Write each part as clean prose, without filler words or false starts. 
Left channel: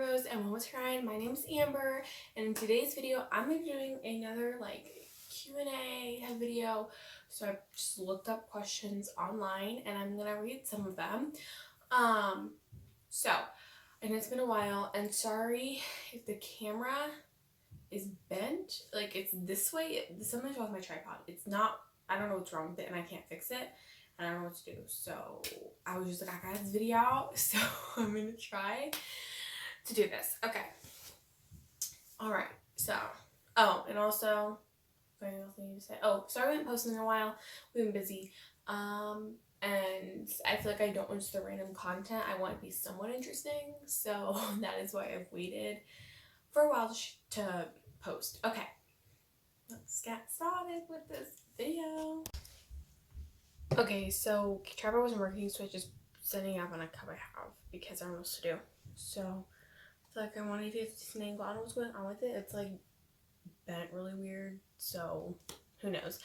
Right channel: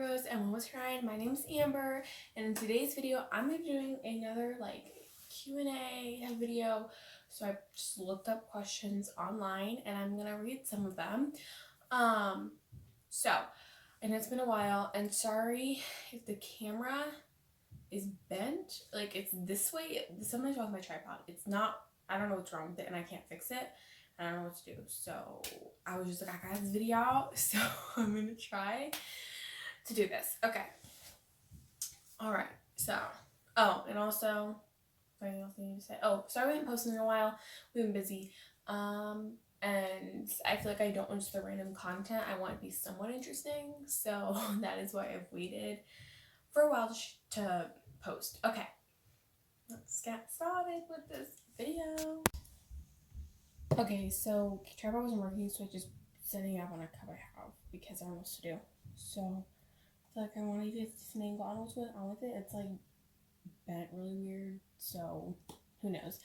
Rose and One Was Crying. My name is Amber, and in today's video I'm going to be doing another Q&A video. So I just looked up questions online and I'm going to read some of them. And it's been a while, and sorry if the camera is bent, it's this way. Something's wrong with my tripod. It's not, I don't know what's wrong with it and I can't fix it. I don't know what to do. So I was just like, I got this video out, so I'm gonna try to do this. Okay. All right. So, and also, anything else I need to say? Oh, sorry we haven't posted in a while. We've been busy. And I feel like I don't want just the random content. I want it to be somewhat interesting. So that is why I've waited for a while to post. Okay. Let's get started with this video. Okay, so tripod wasn't working, so I just setting up on a cup I have because I don't know what to do. So I feel like I wanted to get this angle. I don't know what's going on with it. It's bent really weird, so who knows.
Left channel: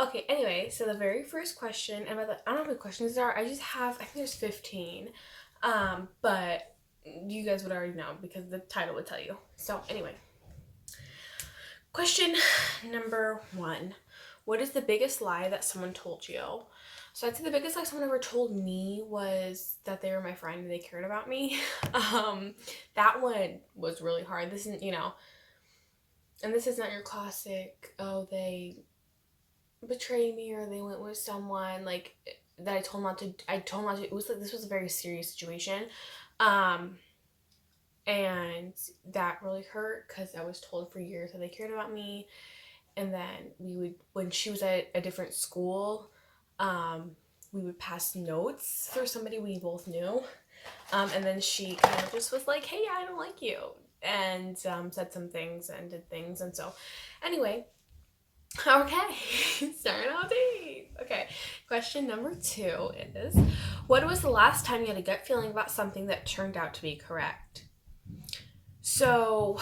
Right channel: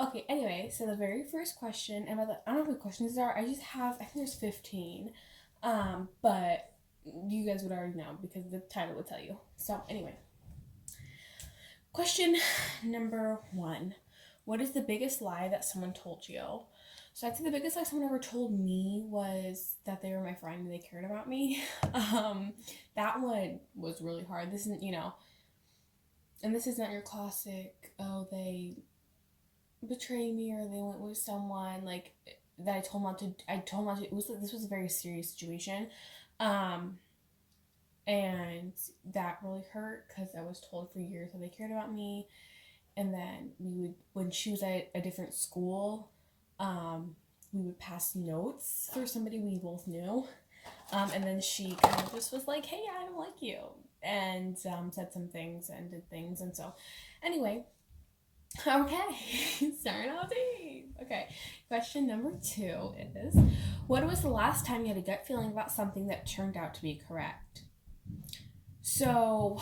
Okay, anyway, so the very first question, and I don't know how many questions there are. I think there's 15. But you guys would already know because the title would tell you. So anyway, question number 1. What is the biggest lie that someone told you? So I'd say the biggest lie someone ever told me was that they were my friend and they cared about me. That one was really hard. This isn't, and this is not your classic, oh, they betrayed me or they went with someone that I told them not to. It was this was a very serious situation. And that really hurt because I was told for years that they cared about me. And then when she was at a different school, we would pass notes for somebody we both knew. And then she kind of just was like, hey, I don't like you. And said some things and did things. And so anyway, okay, starting out deep. Okay, question number 2 is, what was the last time you had a gut feeling about something that turned out to be correct? So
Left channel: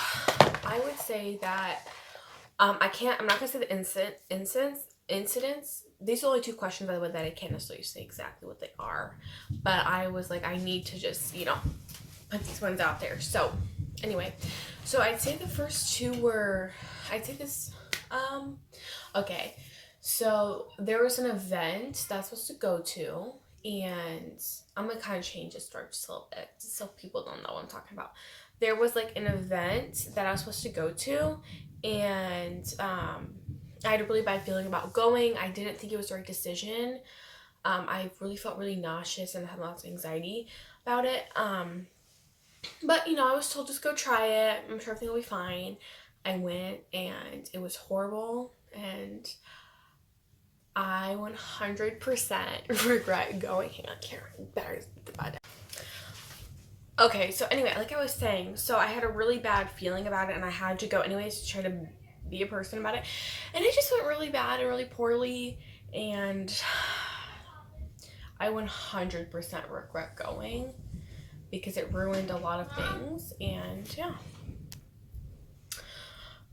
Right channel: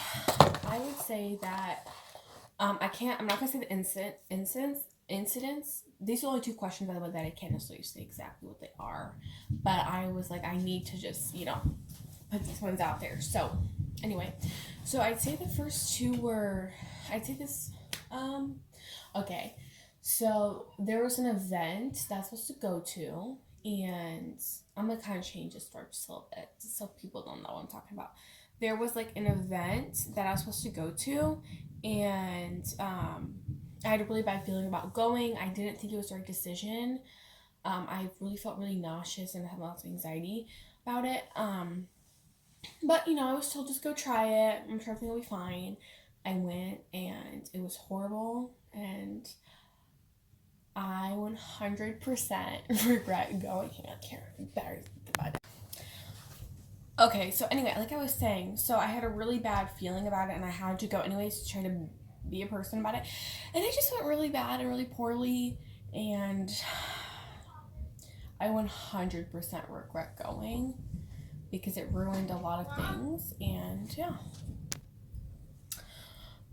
I would say that I'm not gonna say the incidents. These are only 2 questions, by the way, that I can't necessarily say exactly what they are. But I was like, I need to just, put these ones out there. So anyway, so I'd say the first 2 were, okay. So there was an event that I was supposed to go to, and I'm gonna kind of change the story just a little bit, just so people don't know what I'm talking about. There was an event that I was supposed to go to, and I had a really bad feeling about going. I didn't think it was the right decision. I really felt really nauseous and had lots of anxiety about it. But I was told just go try it. I'm sure everything will be fine. I went and it was horrible, and I 100% regret going. Hang on, Karen, better divide it. Okay, so anyway, like I was saying, so I had a really bad feeling about it, and I had to go anyways to try to be a person about it, and it just went really bad and really poorly, and I 100% regret going because it ruined a lot of things, and yeah.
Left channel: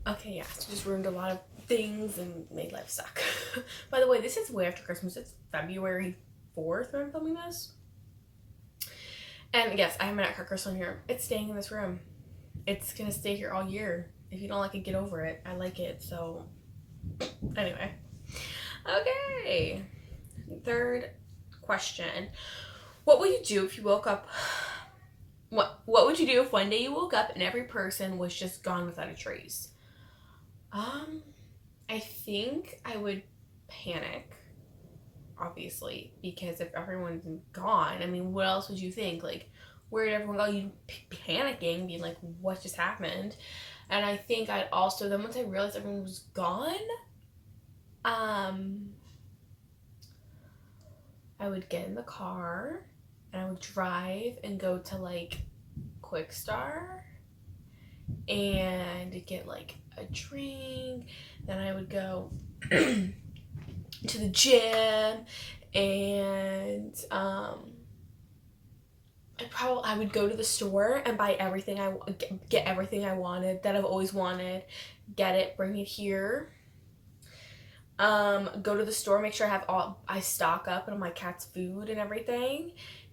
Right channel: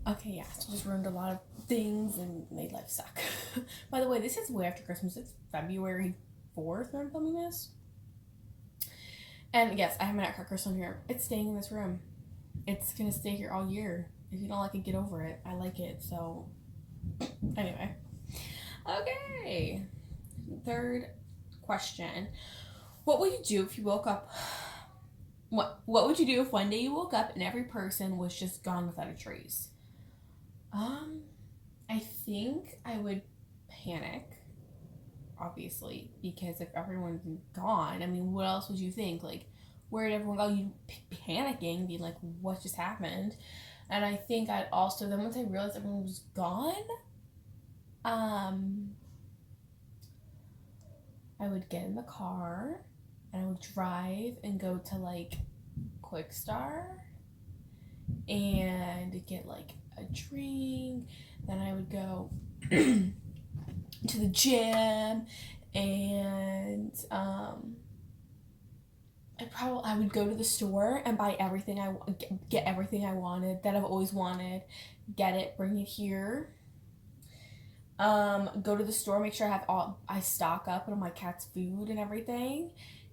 Okay, yeah, so just ruined a lot of things and made life suck. By the way, this is way after Christmas. It's February 4th when I'm filming this. And yes, I have my nutcracker still in here. It's staying in this room. It's gonna stay here all year. If you don't like it, get over it. I like it, so anyway. Okay. 3rd question. What would you do if you woke up? What would you do if one day you woke up and every person was just gone without a trace? I think I would panic, obviously, because if everyone's gone, what else would you think? Where did everyone go? You'd panicking, being like, what just happened? And I think I'd also, then once I realized everyone was gone, I would get in the car and I would drive and go to Quick Star and get a drink. Then I would go to the gym, and I would go to the store and buy everything get everything I wanted that I've always wanted, get it, bring it here. Go to the store, make sure I stock up on my cat's food and everything,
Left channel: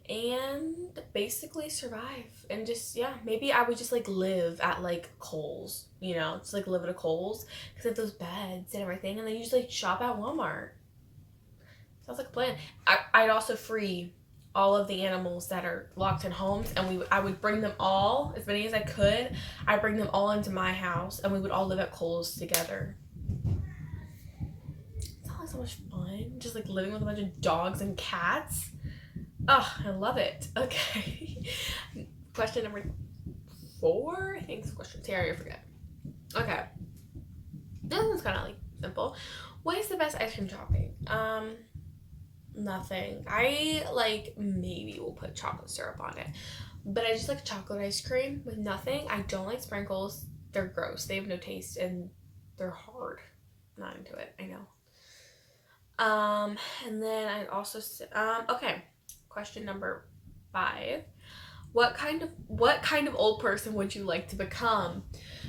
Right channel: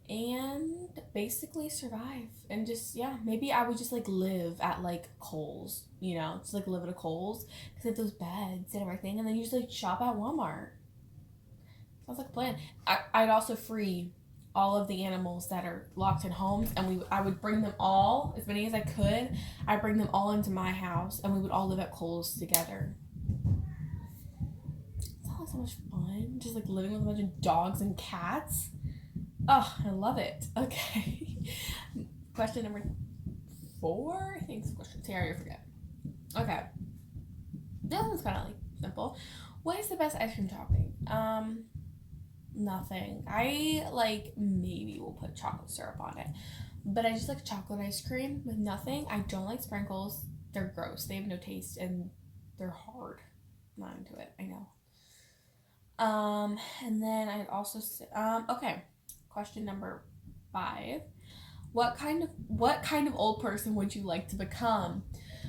and basically survive. And just, yeah, maybe I would just like live at like Kohl's, you know, just like live at a Kohl's because they have those beds and everything, and then you just like shop at Walmart. Sounds like a plan. I'd also free all of the animals that are locked in homes, and I would bring them all, as many as I could. I'd bring them all into my house, and we would all live at Kohl's together. Sounds like so much fun, just like living with a bunch of dogs and cats. Oh, I love it. Okay. Question number 4, I think. Question. I already forget. Okay. This one's kind of like simple. What is the best ice cream topping? Nothing. I like maybe will put chocolate syrup on it, but I just like chocolate ice cream with nothing. I don't like sprinkles. They're gross. They have no taste and they're hard. Not into it. I know. And then I also okay. Question number 5. What kind of old person would you like to become?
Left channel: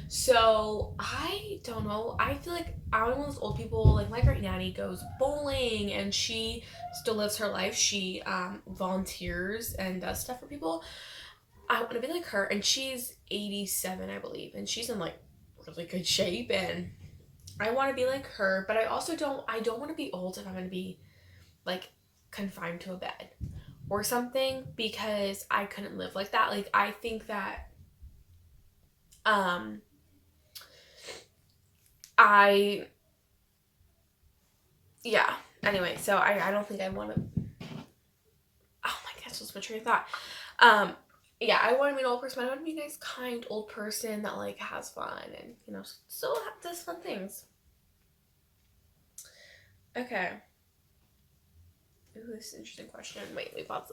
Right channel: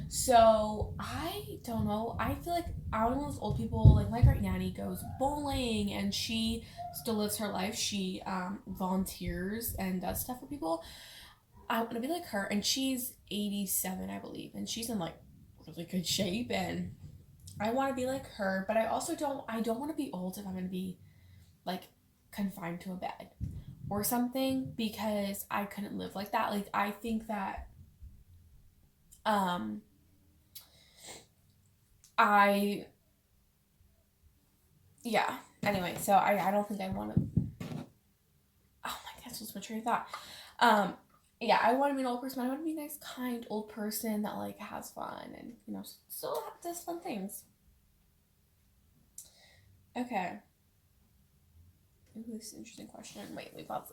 So I don't know. I feel like I'm one of those old people. Like my great nanny goes bowling, and she still lives her life. She volunteers and does stuff for people. I want to be like her, and she's 87, I believe, and she's in like really good shape, and I want to be like her. But I also don't want to be old if I'm going to be like confined to a bed or something, because I couldn't live like that. Like I think that anyway, so I don't think I want to. Oh my gosh, that's my train of thought. I want to be an old person. I want to be a nice, kind old person that like has fun and, you know, still does fun things. Okay. Ooh, this is an interesting question. Wait, pause.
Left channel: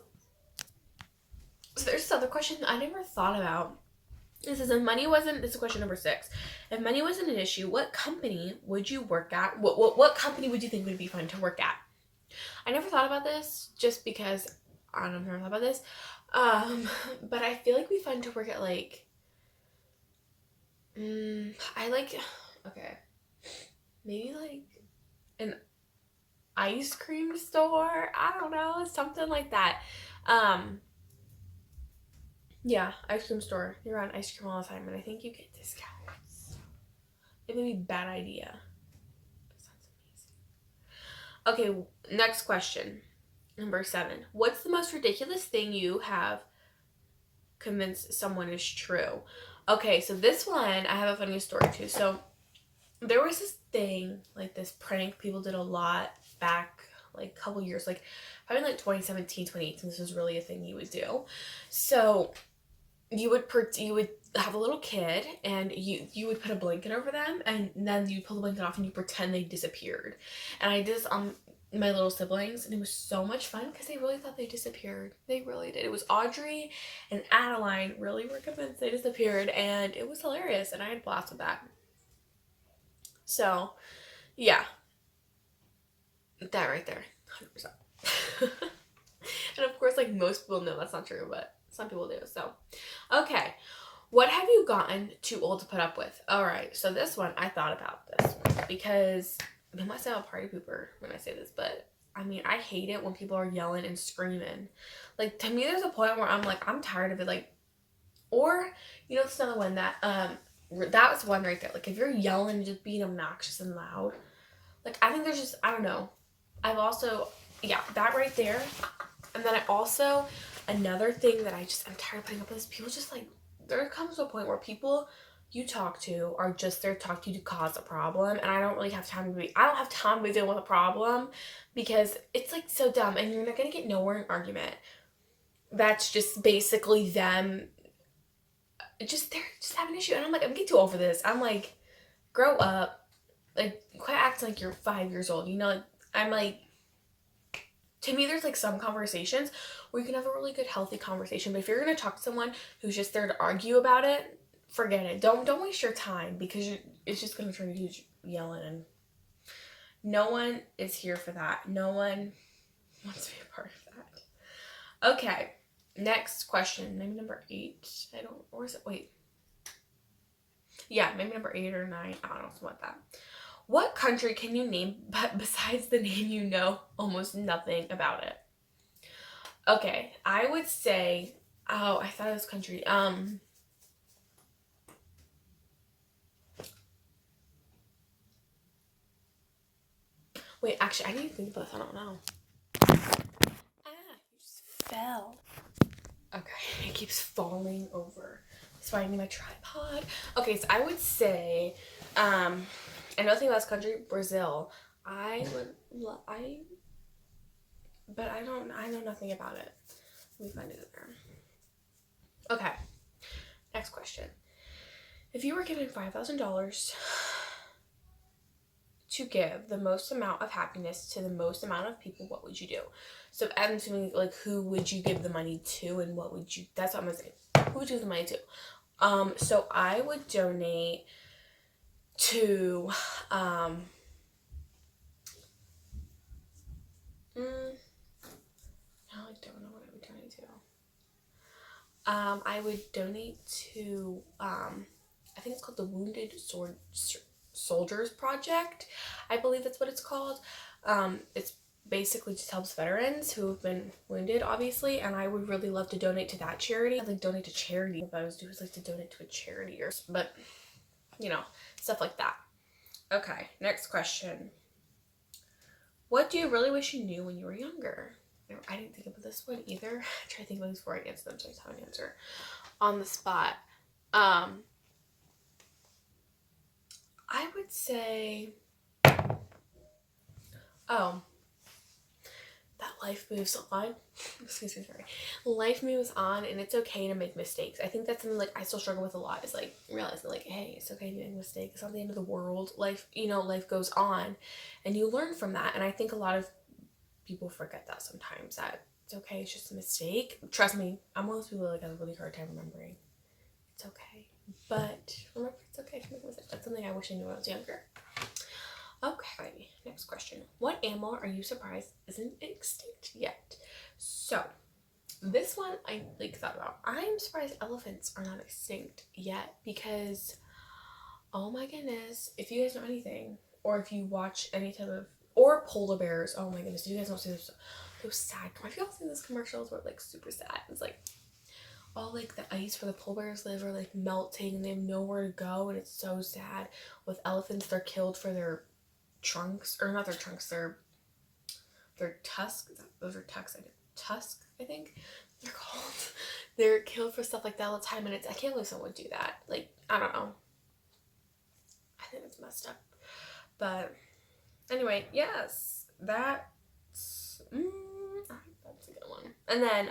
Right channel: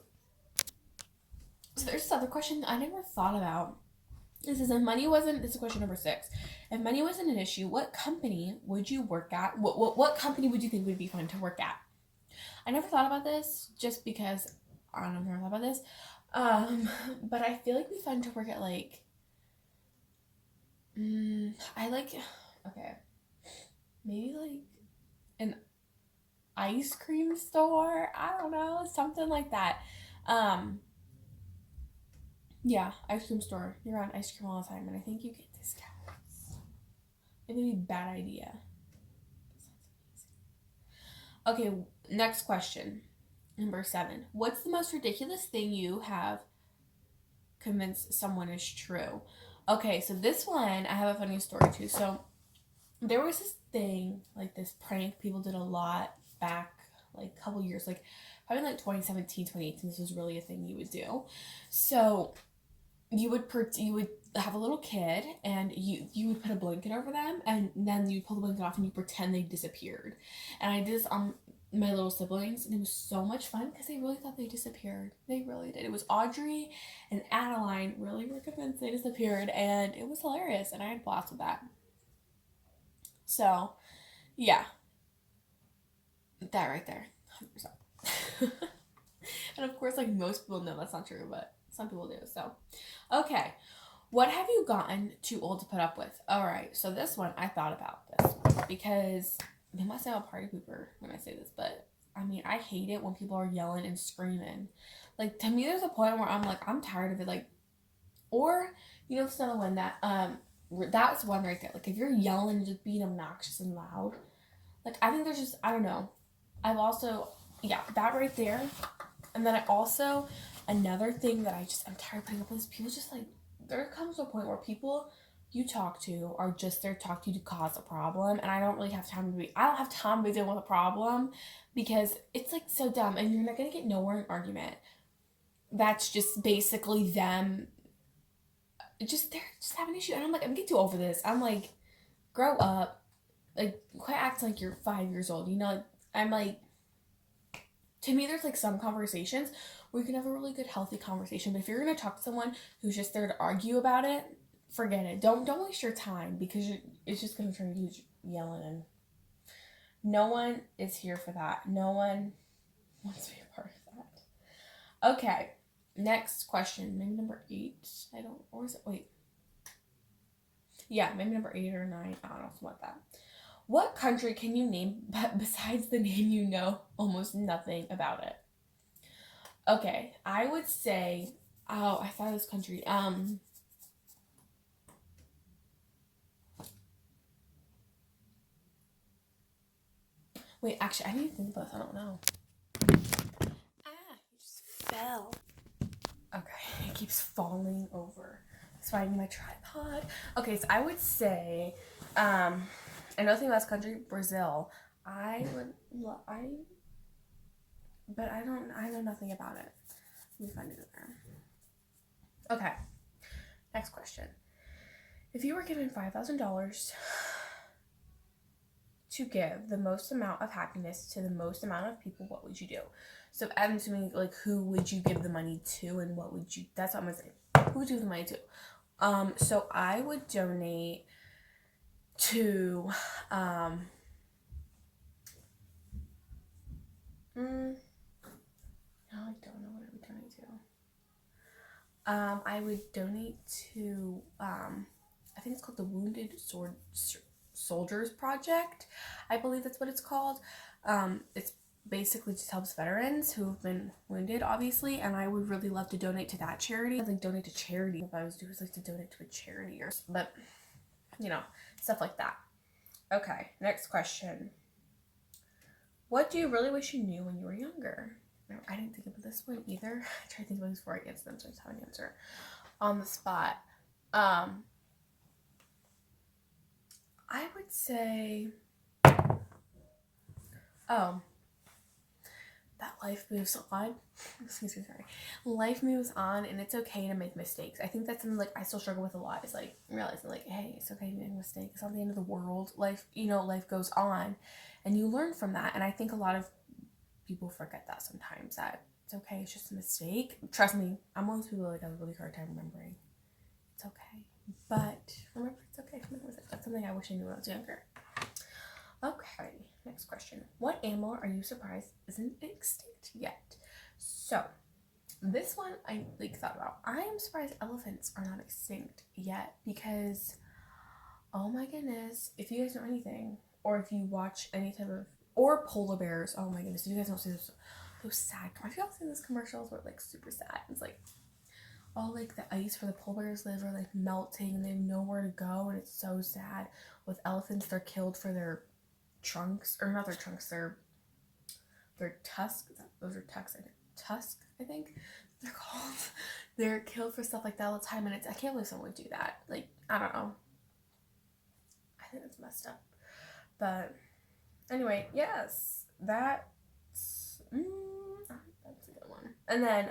So there's this other question I never thought about. This is question number 6. If money wasn't an issue, what company would you work at? What company would you think would be fun to work at? I never thought about this just because I don't know, I've never thought about this. But I feel like it'd be fun to work at like, maybe like an ice cream store. I don't know, something like that. Yeah, ice cream store. You're on ice cream all the time, and I think you get discounts. It would be a bad idea. That sounds amazing. Okay, next question. Number 7. What's the most ridiculous thing you have convinced someone is true? Okay, so this one, I have a funny story too. So there was this thing, like this prank people did a lot back like a couple years, like probably like 2017, 2018. This was really a thing you would do. So you would have a little kid, and you would put a blanket over them, and then you pull the blanket off and you pretend they disappeared. And I did this on my little siblings, and it was so much fun because they really thought they disappeared. They really did. It was Audrey and Adaline really were convinced they disappeared, and it was hilarious, and I had a blast with that. So yeah, that right there, 100%. And of course, like most people know that's not true, but some people do. So okay, what have you gotten too old to put up with? All right, so this one, I thought about this because I must say I'm a party pooper when I say this, but I mean, I hate it when people are yelling and screaming. Like, to me, there's a point where I'm like, I'm tired of it. Like, or, you know, it's another one that was one right there. Like, if you're yelling and just being obnoxious and loud, like, I think there's just, I don't know. I've also, that right there. And then I also, another thing that I'm tired of putting up with is people just like, there comes to a point where people you talk to are just there to talk to you to cause a problem, and I don't have time to deal with a problem because it's like so dumb, and you're not gonna get nowhere in an argument. That's just basically them they're just having an issue, and I'm like, I'm getting too old for this. I'm like, grow up, like quit acting like you're 5 years old, you know? Like, I'm like, to me, there's like some conversations where you can have a really good healthy conversation, but if you're gonna talk to someone who's just there to argue about it, forget it. Don't waste your time, because it's just going to turn you yelling, and no one is here for that. No one wants to be a part of that. Okay, next question. Maybe number 8. Maybe number 8 or 9. I don't know, something like that. What country can you name, but besides the name you know almost nothing about it? Okay, I would say, oh, I thought it was country. Wait, actually, I didn't think about this. I don't know. You just fell. Okay, it keeps falling over. It's finding my tripod. Okay, so I would say, another thing about country, Brazil. But I know nothing about it. Let me find it there. Okay, next question. If you were given $5,000 to give the most amount of happiness to the most amount of people, what would you do? So I'm assuming, like, who would you give the money to, and what would you, that's what I'm gonna say. Who would you give the money to? So I would donate to, I don't know what I would donate to. I would donate to, I think it's called the Wounded Soldiers Project. I believe that's what it's called. It's basically just helps veterans who have been wounded, obviously, and I would really love to donate to that charity. I'd like donate to charity. If I was doing, like to donate to a charity but you know, stuff like that. Okay, next question. What do you really wish you knew when you were younger? I didn't think about this one either. I tried to think of things before I answer them, so I just have an answer on the spot. I would say, that life moves on. Excuse me, sorry. Life moves on, and it's okay to make mistakes. I think that's something, like, I still struggle with a lot, is, like, realizing, like, hey, it's okay to make a mistake. It's not the end of the world. Life goes on, and you learn from that. And I think a lot of people forget that sometimes, that it's okay, it's just a mistake. Trust me, I'm one of those people that, like, has a really hard time remembering. It's okay. But remember, it's okay to make a mistake. That's something I wish I knew when I was younger. Okay, next question. What animal are you surprised isn't extinct yet? So, this one I, like, thought about. I'm surprised elephants are not extinct yet, because, oh my goodness, if you guys know anything, or if you watch any type of, or polar bears, oh my goodness, you guys don't see those sad, have you all seen those commercials where, like, super sad? It's like, all, like, the ice where the polar bears live are, like, melting, and they have nowhere to go, and it's so sad. With elephants, they're killed for their trunks, or not their trunks, their tusks. Those are tusks, I think they're called. They're killed for stuff like that all the time, and I can't believe someone would do that. Like, I don't know. I think it's messed up. But anyway, yes, that's a good one. And then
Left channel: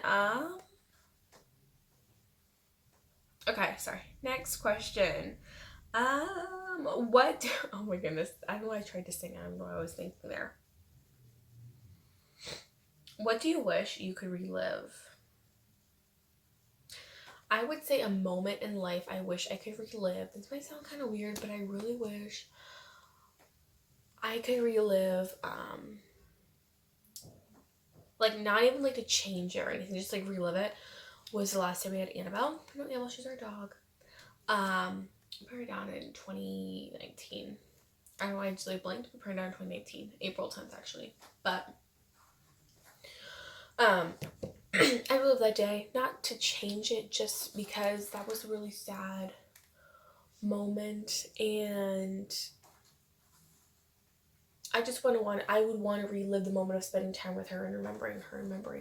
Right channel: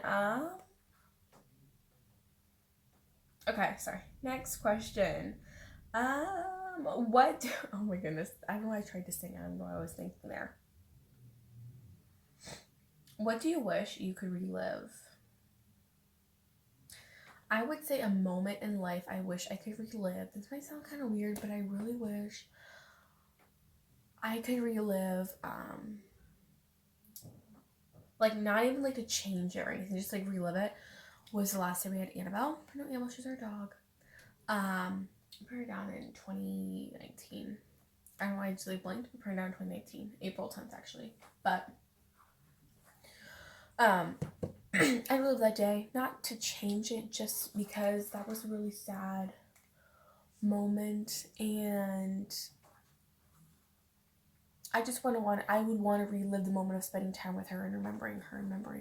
okay, sorry. Next question. What? Oh my goodness! I don't know why I tried to sing. I don't know what I was thinking there. What do you wish you could relive? I would say a moment in life I wish I could relive. This might sound kind of weird, but I really wish I could relive, like, not even, like, to change it or anything, just, like, relive it, was the last time we had Annabelle. I know Annabelle, she's our dog. Put her down in 2019. I don't know why I just, like, blanked. We put her down in 2019. April 10th, actually. But, I relived that day. Not to change it, just because that was a really sad moment. And I just would want to relive the moment of spending time with her and remembering her, I don't know,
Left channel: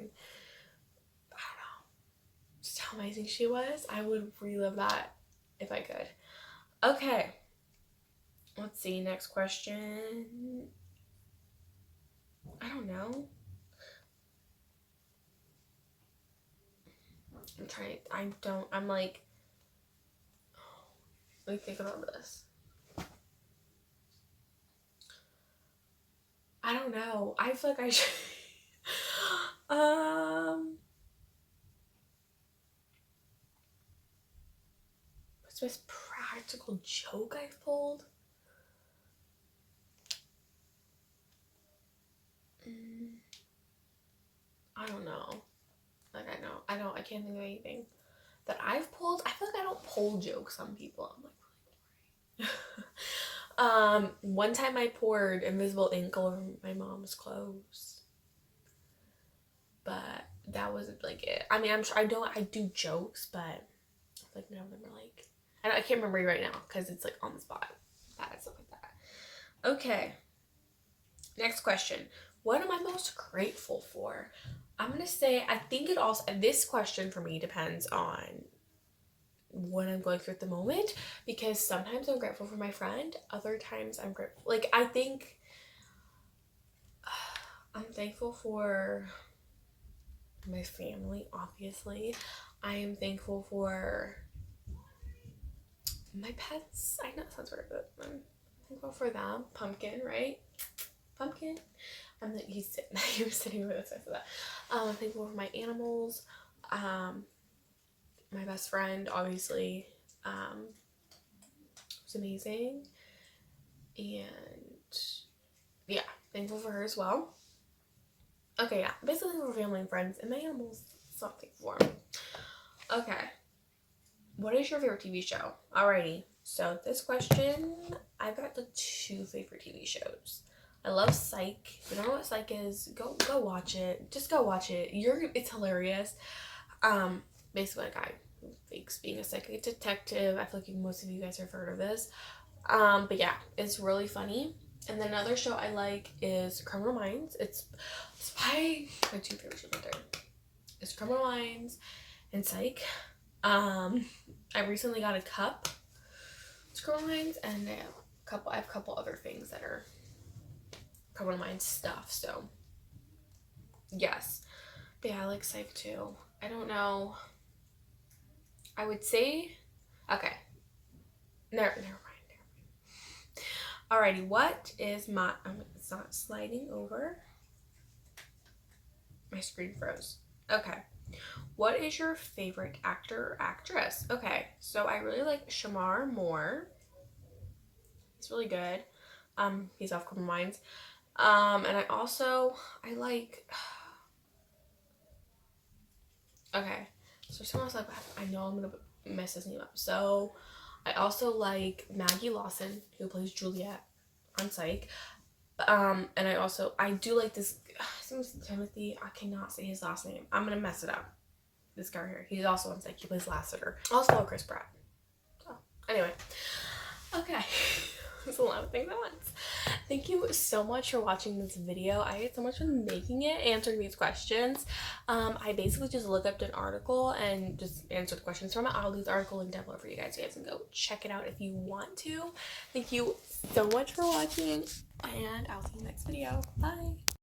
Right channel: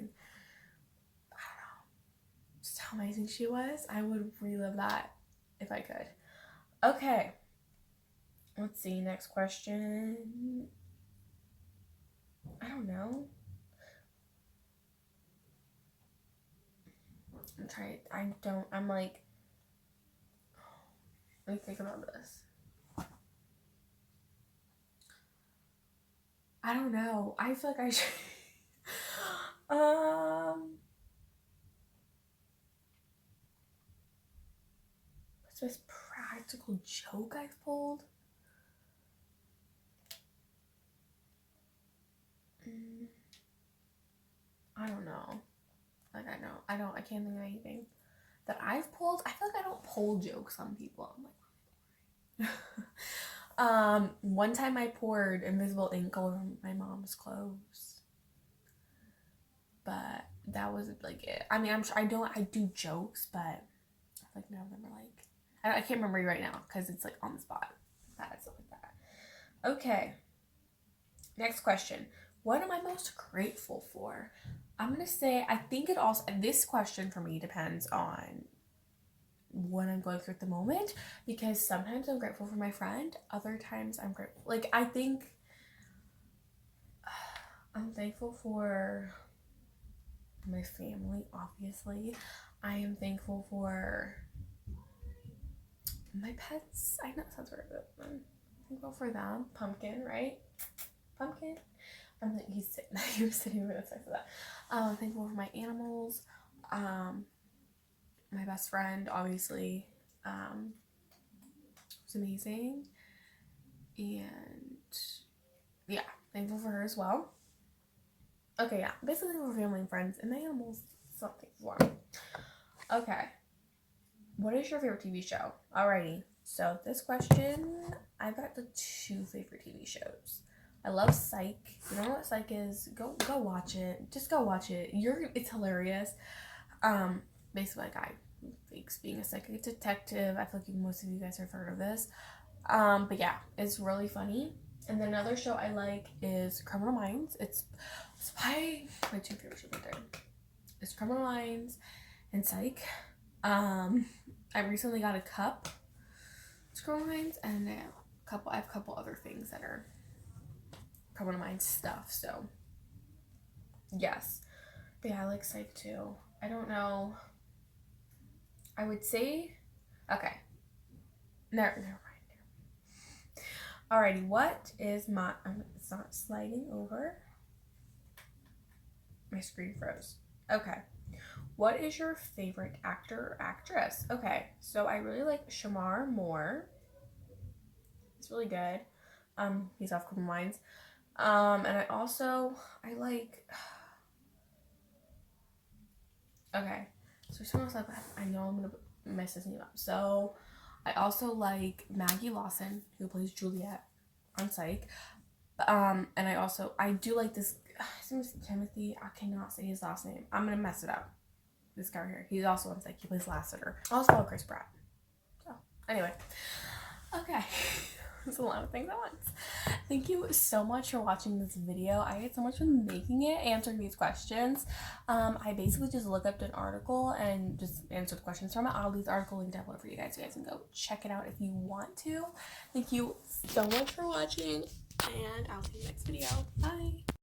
just how amazing she was. I would relive that if I could. Okay. Let's see, next question. I don't know. I'm like, let me think about this. I don't know. I feel like I should, what's the most practical joke I've pulled? I don't know. Like, I can't think of anything that I've pulled. I feel like I don't pull jokes on people. I'm like, really boring. One time I poured invisible ink all over my mom's clothes. but that wasn't like it. I mean, I'm sure I do jokes, but I feel like none of them are like, I can't remember right now because it's like on the spot. Stuff like that. Okay. Next question. What am I most grateful for? I'm gonna say, I think it also, this question for me depends on what I'm going through at the moment, because sometimes I'm grateful for my friend, other times I'm grateful, like, I think I'm thankful for my family, obviously. I am thankful for my pets. I know it sounds weird, but I'm thankful for them. Pumpkin, right? Pumpkin. He was sitting over the side of that. I'm thankful for my animals. My best friend, obviously, was amazing. And yeah, thankful for her as well. Okay, yeah, basically thankful for family and friends, and my animals, so I'm thankful for. Okay, what is your favorite TV show? Alrighty, so this question, I've got the 2 favorite TV shows. I love Psych. If you don't know what Psych is, go watch it. Just go watch it. It's hilarious. Basically a guy who fakes being a psychic detective. I feel like most of you guys have heard of this. But yeah, it's really funny. And then another show I like is Criminal Minds. It's my 2 favorite shows right there. It's Criminal Minds and Psych. I recently got a cup. It's Criminal Minds, and I have a couple other things that are Criminal Minds stuff. So yes, but yeah, I like Psych too. I don't know. I would say, okay. Never mind. Alrighty, what is my, it's not sliding over. My screen froze. Okay. What is your favorite actor or actress? Okay, so I really like Shamar Moore. He's really good. He's off Criminal Minds. And I like, okay, so someone else, like, I know I'm gonna mess his name up. So I also like Maggie Lawson, who plays Juliet on Psych. And I do like this, his name is Timothy, I cannot say his last name. I'm gonna mess it up. This guy here, he's also on Psych, he plays Lassiter. Also Chris Pratt. So, anyway. Okay. There's a lot of things at once. Thank you so much for watching this video. I had so much fun making it, answering these questions. I basically just looked up an article and just answered questions from it. I'll leave the article link down below for you guys. You guys can go check it out if you want to. Thank you so much for watching, and I'll see you next video. Bye.